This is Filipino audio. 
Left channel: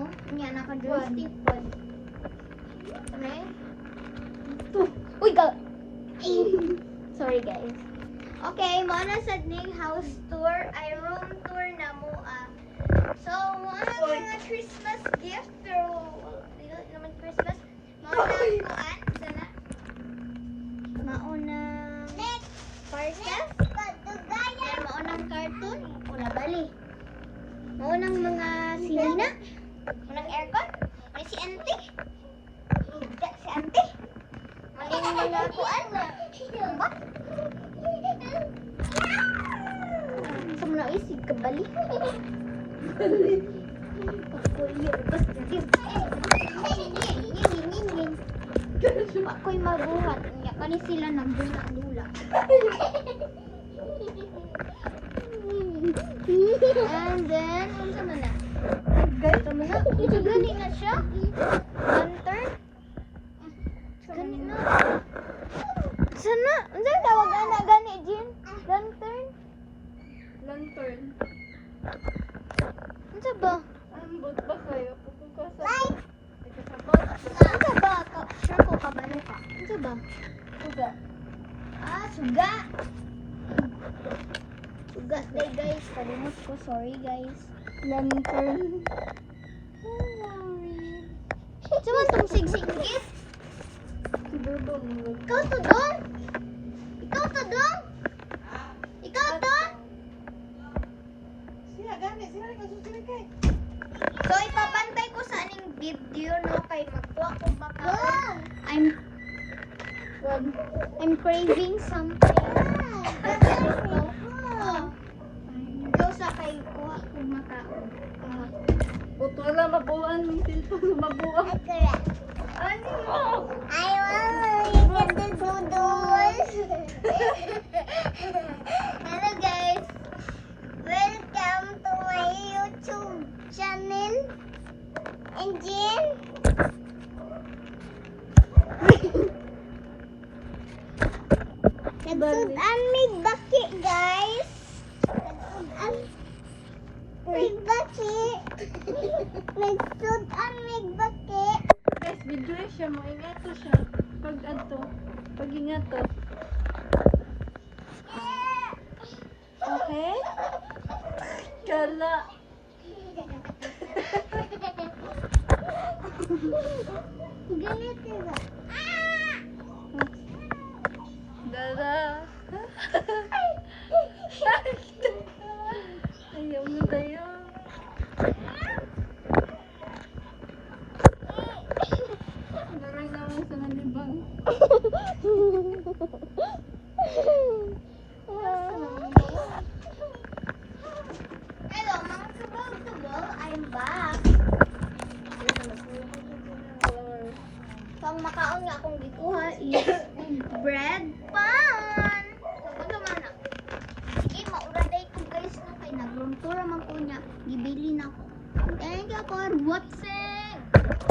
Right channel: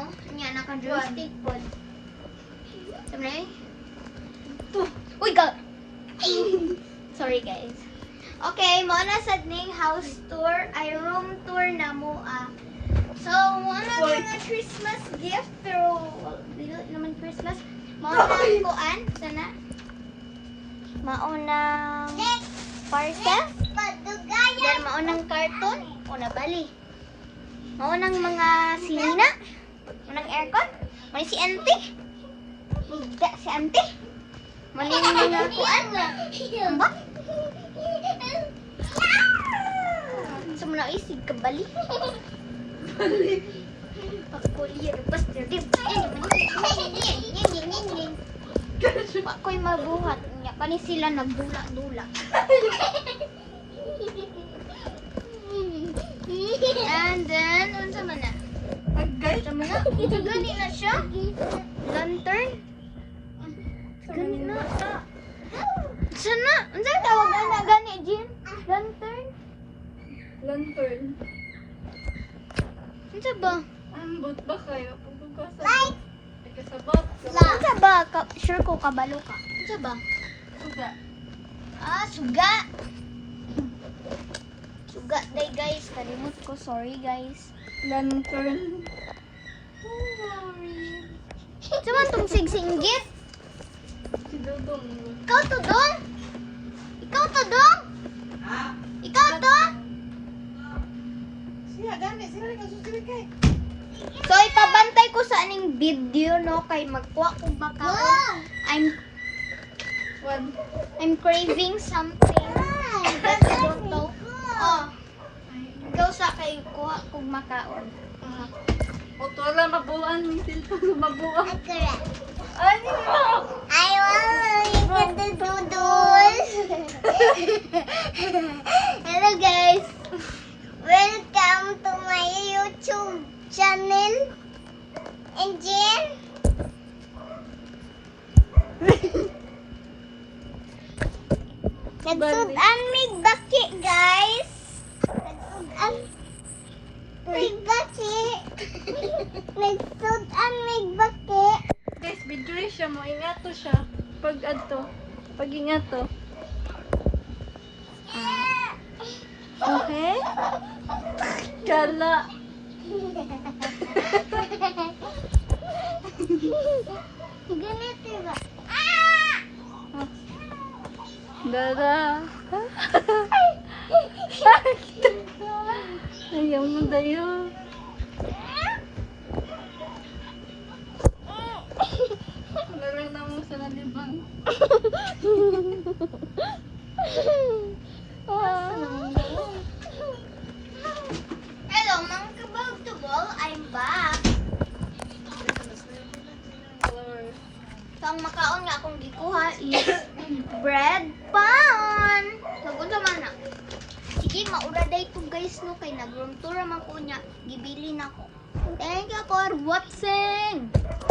no? Nya naka-joystick po. Sabi uy, sorry guys. Okay, mo na sa ning house tour, ay room tour na mo So, mo na mga Christmas gift pero dili naman Christmas. Mao na kuan sana. Mao na parcel. Then mao nang carton o nabali. Mao nang mga silina. Nang aircon. May si auntie. Higda si auntie. Maning mga kuan. Amba? Sumuna isig kabali. Bali. Pagkuliya rubas terdim. Ako'y mabuhat. Nya kani sila nagdula-dula. And then unsa man na? Unsa man na? Gani na siya. Lantern. Gani na. Sana, unsa tawag na gani Jean? Lantern. Lantern. Unsa ba? Ambot ba kayo? Light. Kasabot. Unsa ba? Sure ko kabalo ka. Unsa ba? Suga. Suga. Suga day guys. Kalimot ko. Sorry guys. Lantern. Unsa man tong sigsinggit? Si Dudong. Ikaw to dong? Ikaw to dong? Ikaw to? Siya, gani. Sila ka susulikay. So ipabantay ko sa aning video no kay magkuha kung makaon. I'm craving something. But I don't know. Oh. Ikaw sa kay kuha kung makaon. Oto lang mabuan. Minsan mabuan. Ano? I want the doodles. Hello guys. Welcome to my YouTube channel. And Jen. Nagsudan may baki guys. Nagsudan may baki. Nagsudan may baki. Guys, video siya mo. Ingato siya. Pag ato. Pag ingato. Okay? Kala. Ganito ba? Dada. Ayaw mo tayo. Meron na mo sa nalibang. Hello, mga kabagtubol. I'm back. So, ang makaon nga akong gikuha is bread.